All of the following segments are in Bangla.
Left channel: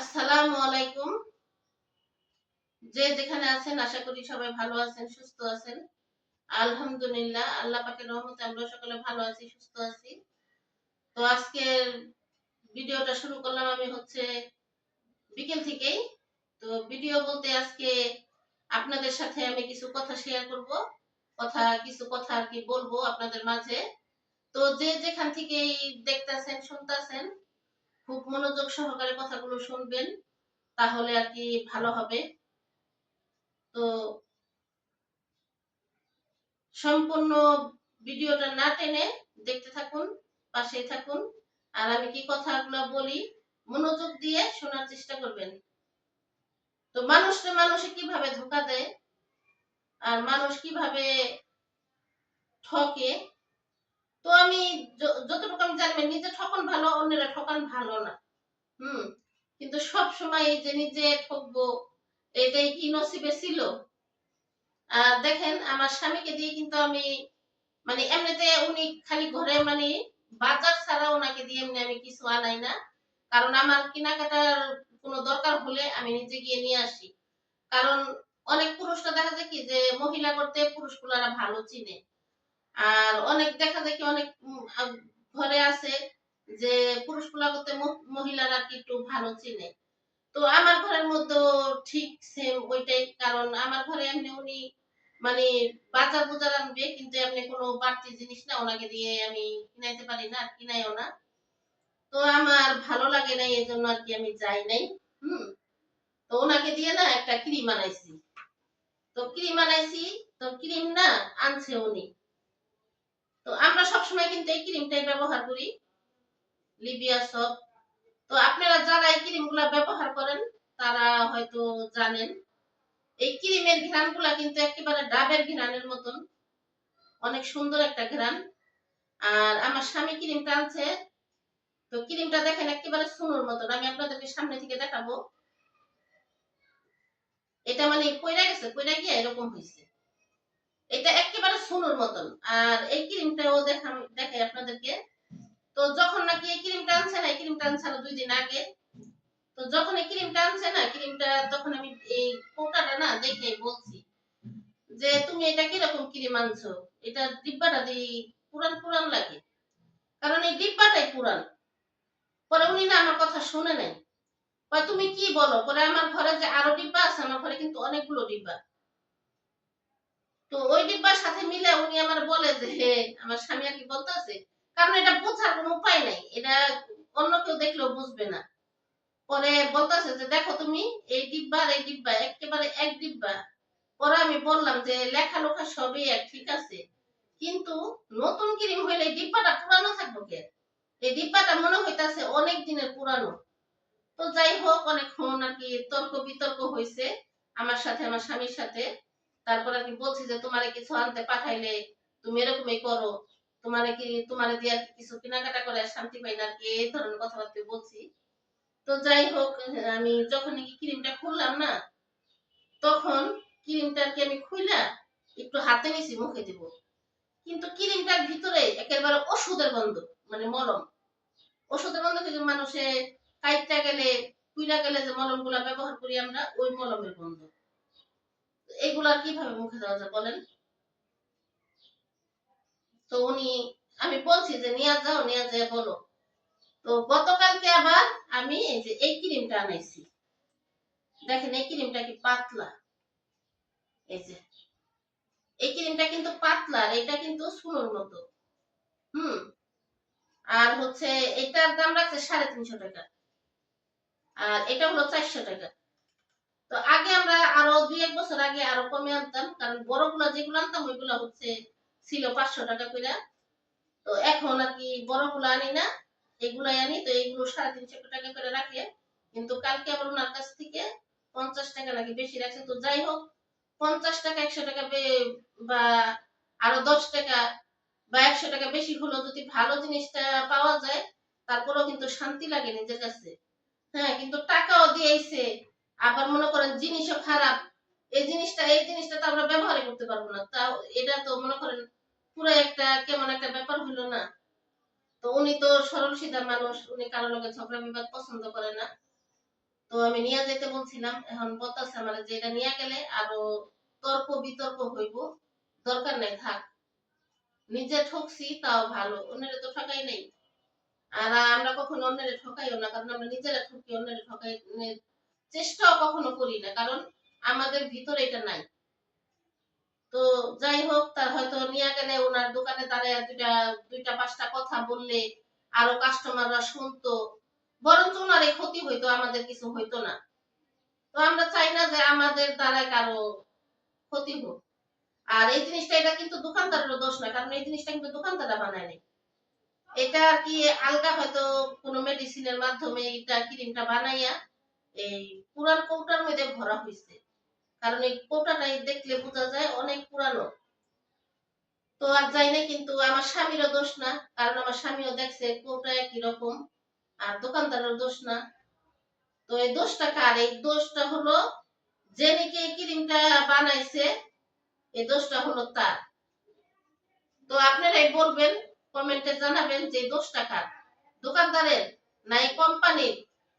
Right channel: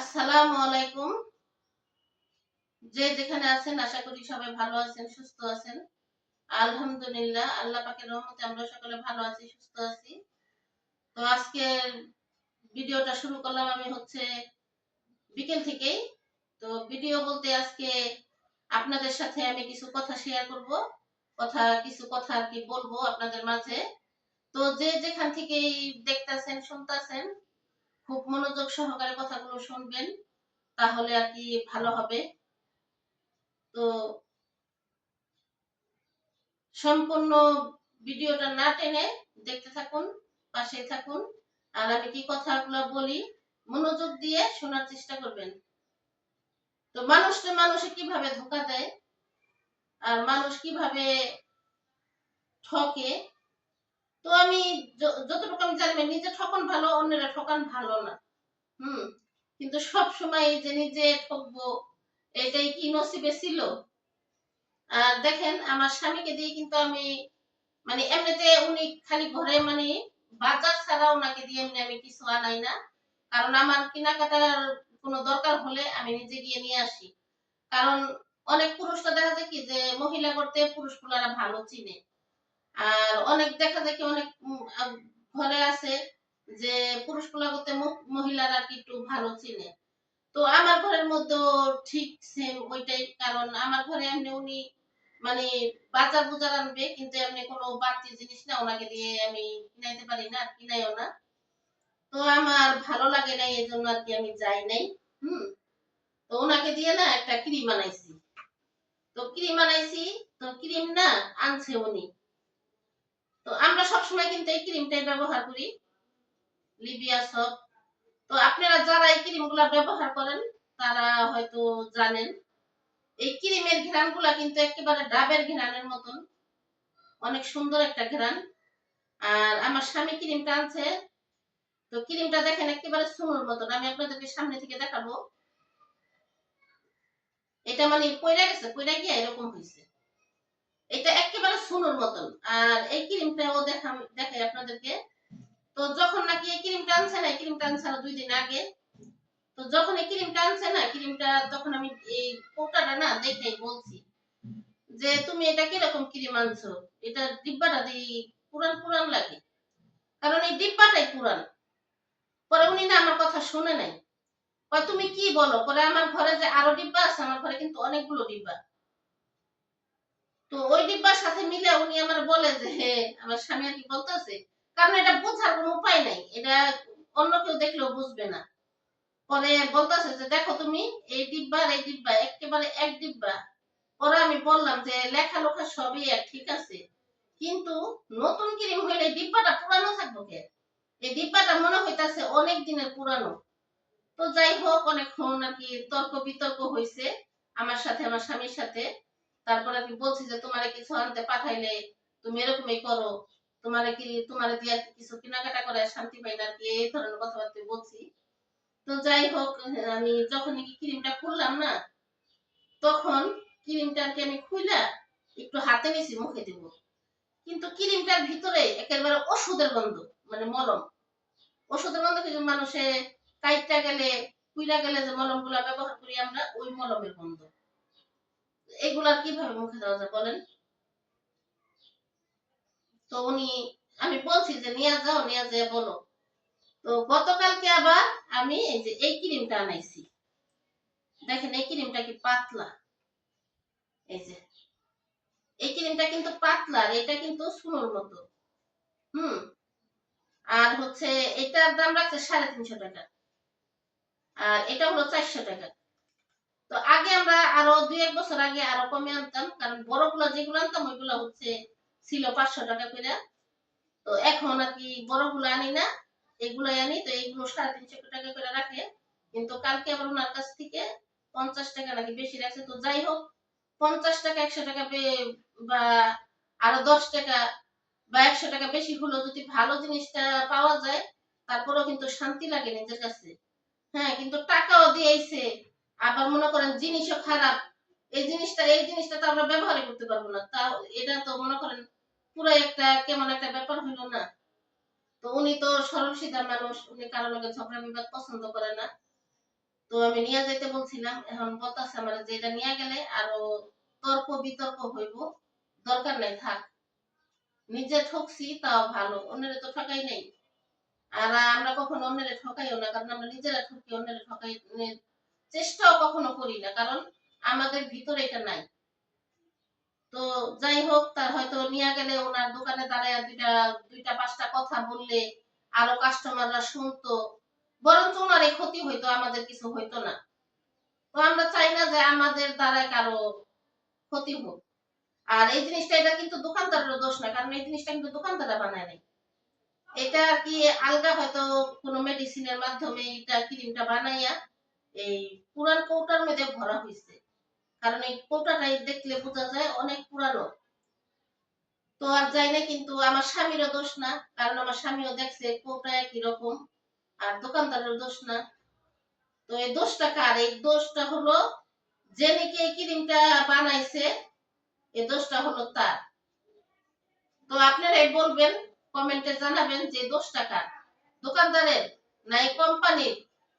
আসসালামু আলাইকুম। যে যেখানে আছেন আশা করি সবাই ভালো আছেন, সুস্থ আছেন। আলহামদুলিল্লাহ আল্লাহ পাকের রহমতে আমরা সকলে ভালো আছি, সুস্থ আছি। তো আজকের ভিডিওটা শুরু করলাম আমি বিকেল থেকেই। তো ভিডিও বলতে আজকে আপনাদের সাথে আমি কিছু কথা শেয়ার করব। কিছু কথা আর কি বলবো আপনাদের মাঝে। তো যে যেখান থেকেই দেখতাছেন, শুনতাছেন, খুব মনোযোগ সহকারে কথাগুলো শুনবেন। তাহলে আর কি ভালো হবে। তো সম্পূর্ণ ভিডিওটা না টেনে দেখতে থাকুন, পাশেই থাকুন। আর আমি কি কথাগুলো বলি মনোযোগ দিয়ে শোনার চেষ্টা করবেন। তো মানুষে কিভাবে ধোঁকা দেয় আর মানুষ কিভাবে ঠকে। তো আমি যতটুকু আমি জানি নিজে ঠকান ভালো, অন্যেরা ঠকান ভালো না। হুম। কিন্তু সব সময় এই যে নিজে ঠকবো এটাই কি নসিবে ছিল। আর দেখেন আমার স্বামীকে দিয়ে কিন্তু আমি মানে এমনিতে উনি খালি ঘরে মানে বাজার ছাড়া ওনাকে দিয়ে এমনি আমি কিছু আনাই না। কারণ আমার কেনাকাটার কোনো দরকার হলে আমি নিজে গিয়ে নিয়ে আসি। কারণ অনেক পুরুষরা দেখা যায় কি যে মহিলা করতে পুরুষগুলারা ভালো চিনে। আর অনেক দেখা যায় কি অনেক ঘরে আছে যে পুরুষগুলা করতে মহিলারা কি একটু ভালো চিনে। তো আমার ঘরের মধ্যেও ঠিক সেম ওইটাই। কারণ আমার ঘরে এমনি উনি মানে বাজার বুজার আনবে কিন্তু এমনি কোনো বাড়তি জিনিস না ওনাকে দিয়ে আমি কিনাইতে পারি না, আর কিনাইও না। তো আমার ভালো লাগে নাই এজন্য আর কি আমি যাই নাই। হুম। তো ওনাকে দিয়ে না একটা ক্রিম আনাইছি। তো ক্রিম আনাইছি, তো ক্রিম না আনছে উনি। তো আমরা সবসময় কিন্তু এই ক্রিমটাই ব্যবহার করি, লিবিয়া সব। তো আপনারা যারা এই ক্রিমগুলা ব্যবহার করেন তারা হয়তো জানেন এই ক্রিমের ঘ্রাণগুলা কিন্তু একেবারে ডাবের ঘ্রাণের মতন, অনেক সুন্দর একটা ঘ্রাণ। আর আমার স্বামী ক্রিমটা আনছে, তো ক্রিমটা দেখেন একেবারে সুনুর মতন। আমি আপনাদেরকে সামনে থেকে দেখাবো। এটা মানে পইড়া গেছে, পইড়া গিয়ে এরকম হয়েছে। এটা একেবারে সুনুর মতন। আর এই ক্রিমটাও দেখাই আপনাদেরকে। তো যখন নাকি এই ক্রিমটা আনছে না, এই ক্রিমটা আনছে না 2 দিন আগে। তো যখন এই ক্রিমটা আনছে না, ক্রিমটা তখন আমি এই কৌটাটা না দেখেই বলছি যে তুমি এটা কিরকম ক্রিম আনছো, এটা ডিব্বাটা দিয়ে পুরান পুরান লাগে। কারণ এই ডিব্বাটাই পুরান। পরে উনি না আমার কথা শুনে নাই। কয় তুমি কি বলো, পরে আমার ঘরে যে আরো ডিব্বা আছে, আমার ঘরে কিন্তু অনেকগুলো ডিব্বা। তো ওই ডিব্বার সাথে মিলে উনি আমার বলে যে হে, আমার স্বামী আর কি বলতেছে। কারণ এটা বোঝার কোনো উপায় নাই, এটা অন্য কেউ দেখলেও বুঝবে না। পরে বলতেছে যে দেখো তুমি এই ডিব্বা আর এই ডিব্বা একেবারে এক ডিব্বা। পরে আমি বললাম যে লেখা লোখা সবই এক, ঠিক আছে, কিন্তু নতুন ক্রিম হইলে ডিব্বাটা পুরানো থাকবো কে? এই ডিব্বাটা মনে হইতাছে অনেক দিনের পুরানো। তো যাই হোক অনেকক্ষণ আর কি তর্ক বিতর্ক হয়েছে আমার সাথে, আমার স্বামীর সাথে। তারপর আর কি বলছি যে তোমারে কিছু আনতে পাঠাইলে তুমি এরকমই করো, তোমারে দিয়ে আর কি কিছু কেনাকাটা করে শান্তি পাই না আর কি, এই ধরনের কথাবার্তা বলছি। তো যাই হোক আমি যখন নাকি ক্রিমটা খুললাম না, তখন ক্রিমটা আর কি আমি খুইলা একটু হাতে নিছি মুখে দিব, কিন্তু ক্রিমটার ভিতরে একেবারে ওষুধের গন্ধ, মানে মলম। ওষুধের গন্ধ কিন্তু মানুষে কাইটটা গেলে কুইলা গেলে যে মলম গুলা ব্যবহার করি আমরা, ওই মলমের গন্ধ। এগুলা কিভাবে মুখে দেওয়া যায় বলেন? তো আমি বলছি যে নিয়ে যাও, নিয়ে যেয়ে বলো। তো গতকালকে আবার আমি এই যে এই ক্রিমটা আনাইছি। দেখেন এই ক্রিমটা কি পাতলা। এই যে এই ক্রিমটা কিন্তু পাতলা, আর এটা কিন্তু সুনোর মতো। হুম। আর এটার দাম রাখছে 350 টাকা। আর এটা হলো 400 টাকা। তো আগে আমরা আরো 2-1 বছর আগে আরো কমে আনতাম, কারণ বড়গুলা যেগুলো আনতাম ওইগুলা ছিল 500 টাকা করে। তো এখন আর কি বড়গুলো আনি না, এগুলাই আনি। তো এইগুলো 350 টাকা করে রাখে। কিন্তু কালকে আবার ওনার কাছ থেকে 50 টাকা নাকি বেশি রাখছে। তো যাই হোক 50 টাকা 100 টাকা বা আরো 10 টাকা বা 100 টাকা বেশি হলেও যদি ভালো জিনিসটা পাওয়া যায়, তারপরেও কিন্তু শান্তি লাগে নিজের কাছে। হ্যাঁ, কিন্তু টাকাও দিয়েছে, আবার মনে করেন জিনিসও খারাপ। এই জিনিসটা তো আমরা ব্যবহারই করতে পারবো না। তাও এটা তো মনে করেন পুরো একটা কেমন একটা ব্যাপার হইলো না। তো উনি তো সরল সিধা মানুষ, উনি কারো লগে ঝগড়া বিবাদ পছন্দ করে না। তো আমি নিয়ে যেতে বলছিলাম, এখন বলতেছে আমার যে এটা নিয়ে গেলে আরো তর্ক বিতর্ক হইব, দরকার নাই থাক, নিজে ঠকছি তাও ভালো, অন্যের তো ঠকাই নাই। আর আমরা কখনো অন্যের ঠকাইও না, কারণ আমরা নিজেরা ঠকি, অন্যের ঠকাই চেষ্টাও কখনো করি না, কারণ আমাদের ভিতরে এটা নাই। তো যাই হোক, তার হয়তো নিয়ে গেলে ওনার দোকানে দাঁড়ায় দুইটা পাঁচটা কথা বললে আরো কাস্টমাররা শুনতো, বরঞ্চ ওনার এই ক্ষতি হইতো, আমাদের কিছু হইতো না। তো আমরা চাই না যে আমাদের দ্বারা কারো ক্ষতি হোক। আর এই জিনিসটা, এটা কিন্তু দোকানদারের দোষ না, কারণ এই জিনিসটা কিন্তু দোকানদাররা বানায় নাই। এটা কি আলগা হয়তো কোনো মেডিসিনের মাধ্যমে এটা ক্রিমটা বানাইয়া এই পুরান কৌটার মধ্যে ভরা হয়েছে, কারণ এই কৌটাটাই দেখলে বোঝা যায় অনেক পুরানো। তো আর যাই না, কিন্তু আমার স্বামীরও দোষ না, কারণ আমার স্বামীও দেখছে কৌটা একই রকম, আর দোকানদারের দোষ না। তো এই দোষটা কার? এই দোষটা হলো যে নাকি এই ক্রিমটা বানাইছে, এই দোষটা হলো তার। তো আপনারাই বলবেন, কমেন্টে জানাবেন যে দোষটা কার, দোকানদারের না এই কোম্পানির,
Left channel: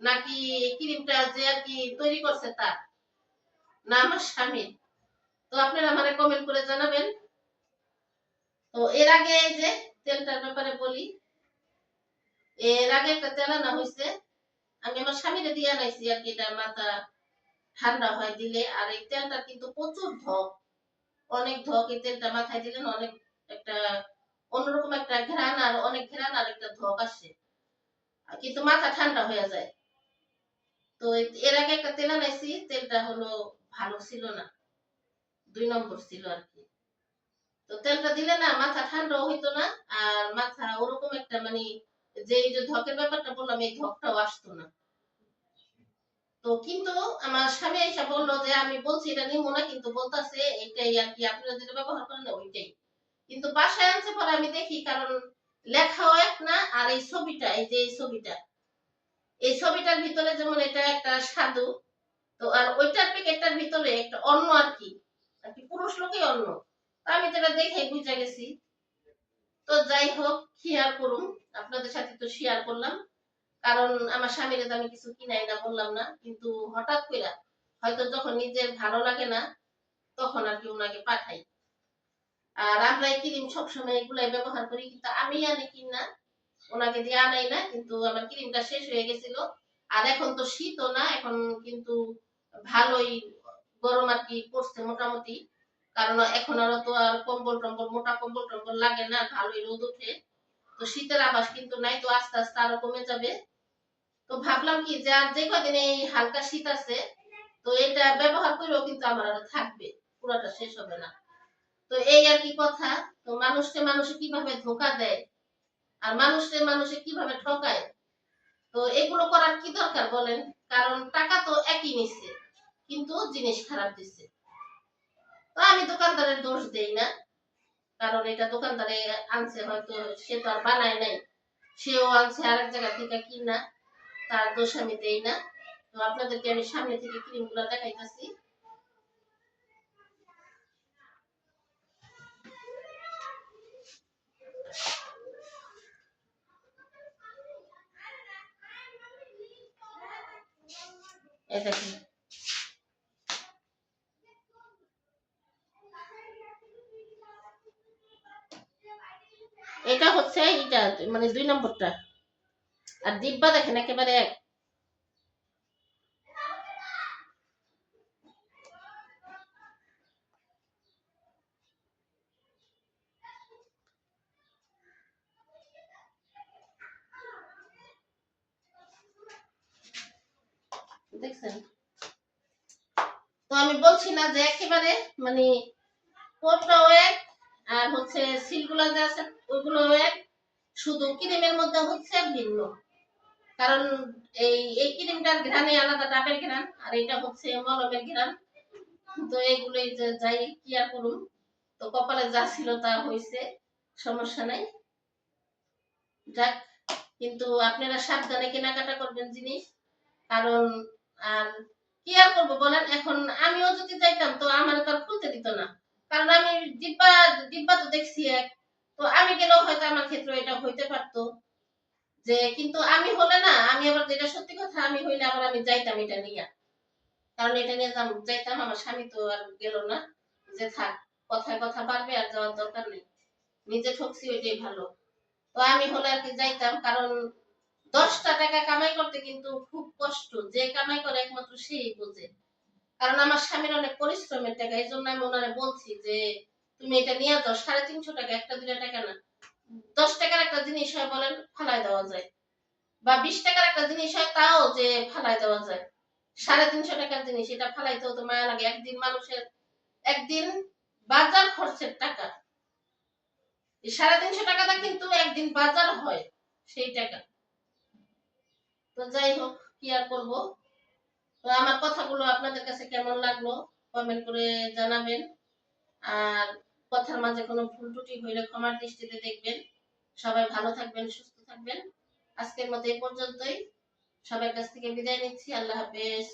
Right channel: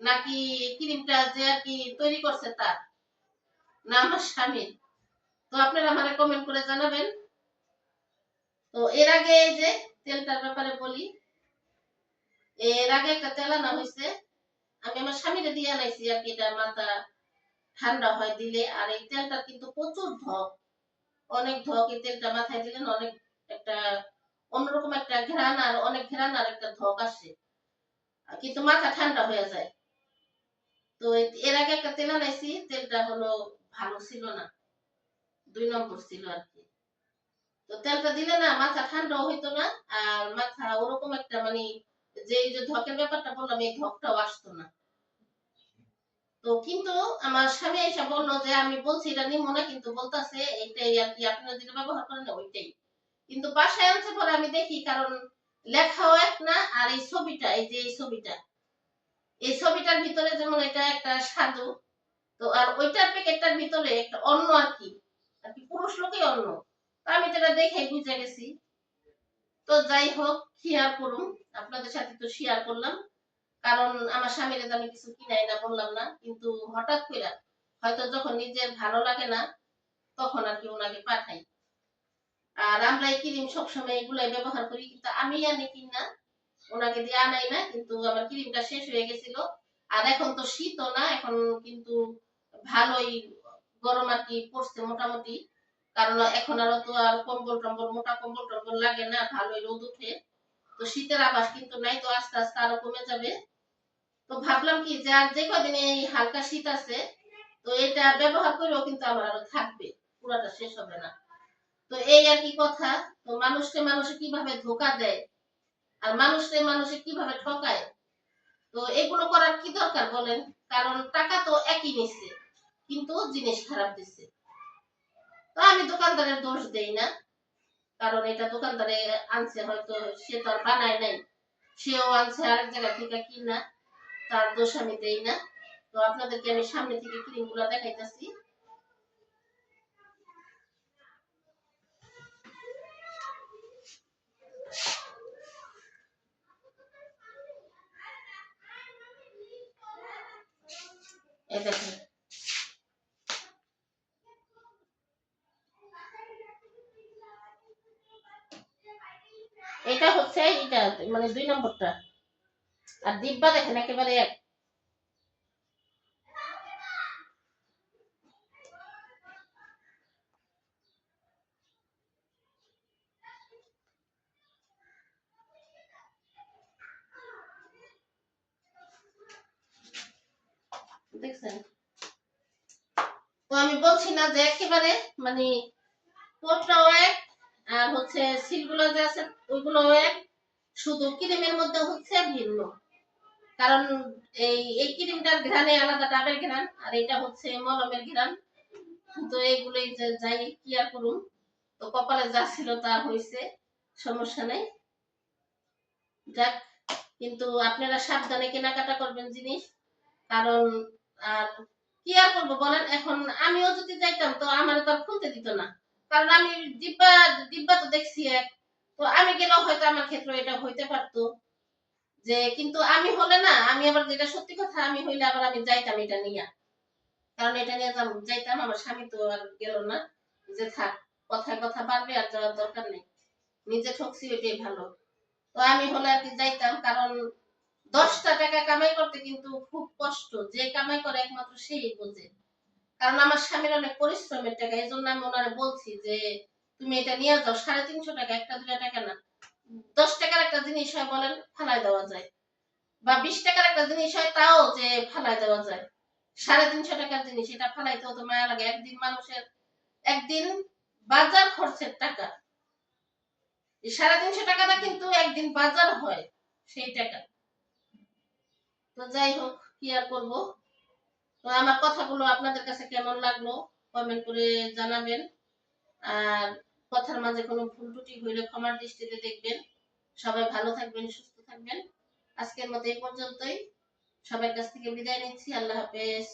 নাকি ক্রিমটা যে আর কি তৈরি করছে তার, না আমার স্বামীর? তো আপনারা আমারে কমেন্ট করে জানাবেন। তো এর আগে এই যে তেলটার ব্যাপারে বলি, এর আগে একটা তেল আনা হয়েছে, আমি আমার স্বামীরে দিয়ে আনাইছি আর কি, এটা মাথা ঠান্ডা হয় দিলে। আর এই তেলটা কিন্তু প্রচুর ধক, অনেক ধক, এই তেলটা মাথায় দিলেন অনেক একটা অন্যরকম একটা ঘ্রাণ, আর অনেক ঘ্রাণ, আর একটা ধক আসে, কিন্তু মাথা ঠান্ডা হয়ে যায়। তো এর আগে একটা তেল আনাইছি, তেলটা হলো ভালো ছিল না, 2 নম্বর ছিল আর কি। তো তেলটা দিলে না মাথা ঠান্ডাও হইতো না, আর মাথা ওরকম একটা মানে যে এই যে ধকের ব্যাপারটা বললাম, এই ধকটাও আসতো না। তো কিন্তু আমার স্বামী এসে বললো যে আমি বলছি এটা নিমো না, কিন্তু বলতাছে এইটাই আর কি, আপনারা যেটা ব্যবহার করেন না ওইটাই। কিন্তু বাসায় আনছে পরে আমি দেখি, কারণ লেখাও এক না, আর এই ছবিটা, এই যে এই ছবিটা, এই ছবিটার ভিতরে যেমন এটা একটা সাধু, তো আর ওইটার প্যাকেটটার ভিতরে একটা অন্য আর কি, আর কি পুরুষ লোকই অন্য। তো আমি যেটা দেখে বুঝে গেছি। তো যাই হোক, শেয়ার করুন, আপনাদের সাথে তো শেয়ার করলাম, কারণ আমার স্বামীর আমি কিছু কিনাই না বললাম না, কিন্তু হঠাৎ করে হয়তো যখন নিজের ভালো লাগে না, তখন আর কি ওনাকে পাঠাই। আর আমরা এই ক্রিম সবসময় এগুলাই ব্যবহার করি, কিন্তু আমি আনি কিনা, ওনাকে দিয়ে আনাই না। কিন্তু আমার ক্রিমটা শেষ হয়ে গেছিল, আর এখন তো শীতও না, এখন কিন্তু ভালোই গরম আর কি পড়ছে মোটামুটি, কারণ এখন আর তো আর কম্বল টম্বল, মোটা কম্বল টম্বল লাগে না, ভালোই রোদ ওঠে। তো শীতের আভাস কিন্তু নাই, তো আস্তে আস্তে আরো কমে যাবে। তো ভাবলাম কি যে আর যে কদিন এই হালকা শীত আছে, তো এটা ব্যবহার করেও কিন্তু আমার আরো থাকবে, পুরাটা শেষ হবে না। তো এই আর কি কথা। তো মানুষকে মানুষে কিভাবে ধোকা দেয়, আর মানুষকে মানুষে কিভাবে ঠকায়, তো এগুলো করার কি দরকার বলেন? কারণ টাকা তো একই নিচ্ছে, কিন্তু জিনিস খারাপ দিচ্ছে। তো আমি দোকানদারের দোষ দেই না, কারণ এটা দোকানদারে আনছে, হয়তো সে তো আর বানায় নাই, সেও আনছে আরেক জায়গা থেকে কিনা, তার দোষ আমি দেই না। তো আপনাদেরকে আমি সামনে থেকে ক্রিম গুলা দেখাইতেছি। এই দেখেন, এটা হচ্ছে এটা মানে 2 নম্বরটা, আর ডিব্বা দেখেন একেবারে এক। দেখছেন? তো আমি বলছি না যে একেবারে মানে কোটটাও এক, আর হচ্ছে সিলগুলো যে আছে ওইগুলো এক, শুধু ক্রিমের মধ্যে হচ্ছে ভিন্ন। কারণ এই ক্রিমটার ঘ্রাণে আলাদা, ডাবের ঘ্রাণ, আর এটা হচ্ছে মলমের ঘ্রাণ। তো এইগুলোই যে যাই কি আর করুম, তো কপালে যা ছিল তা হয়েছে, সমস্যা নাই, যাক। কিন্তু আপনারা সাবধানে কেনাকাটা করবেন জিনিস, কারণ আর কি আর করবো বলেন, এখন আমিও যদি যাইতাম তো আমার তো আর খুলতে দিত না, কারণ আমি ডিব্বা ডিব্বা তো দেখছি এক, তো আমি গেলেও হয়তো আমার ক্ষেত্রে এটা হইতে পারতো। যে কিন্তু আমি হলে না, আমি আবার যেটা সত্যি কথা, আমি হইলে আবার আমি যাইতাম এটা নিয়ে, কারণ এটা নিয়ে যাইতাম, আমার স্বামী তো আর গেল না, যে থাক, কথায় কথা পারবে, আর যাওয়ার দরকার নেই, নিজে ঠকছি ওইটাই ভালো। তো আমি হলে আর কি যাইতাম, কারণ 10টা টাকা কামাই করতে কিন্তু খুব কষ্ট, যে কামাই করে একমাত্র সেই বোঝে। কারণ আমার স্বামীর অনেক পরিশ্রমের টাকা, এই জন্য আমি ওনারে বলছি যে তুমি এটা নিয়ে যাও, 350 টাকা, একটা 2 টাকা না। 10 টাকার একটা জিনিস হয় বলেন, ফালাই দেওয়া যায়, বা 20 টাকার একটা জিনিস হয় তাও যে ফালাই দেওয়া যায়, 350 টাকার জিনিস এটা ফালাইতেও তো মায়া লাগে। একদিন মানুষের, একদিন বাজার খরচের টাকা, এই 350 টাকাটা কিন্তু একদিন বাজার হয় সেই টাকা। তো যাই হোক, কি আর করবো। তো আমার কথাগুলো আপনাদের কাছে কেমন লাগলো কমেন্ট করে জানাবেন। আর কথার মাঝে কোনো ভুল ত্রুটি হইলে ক্ষমার দৃষ্টিতে দেখবেন। সবাই ভালো থাকবেন, সুস্থ থাকবেন। আজকের মতো এই পর্যন্তই। সবার কাছ থেকে বিদায় নিচ্ছি। আল্লাহ হাফেজ।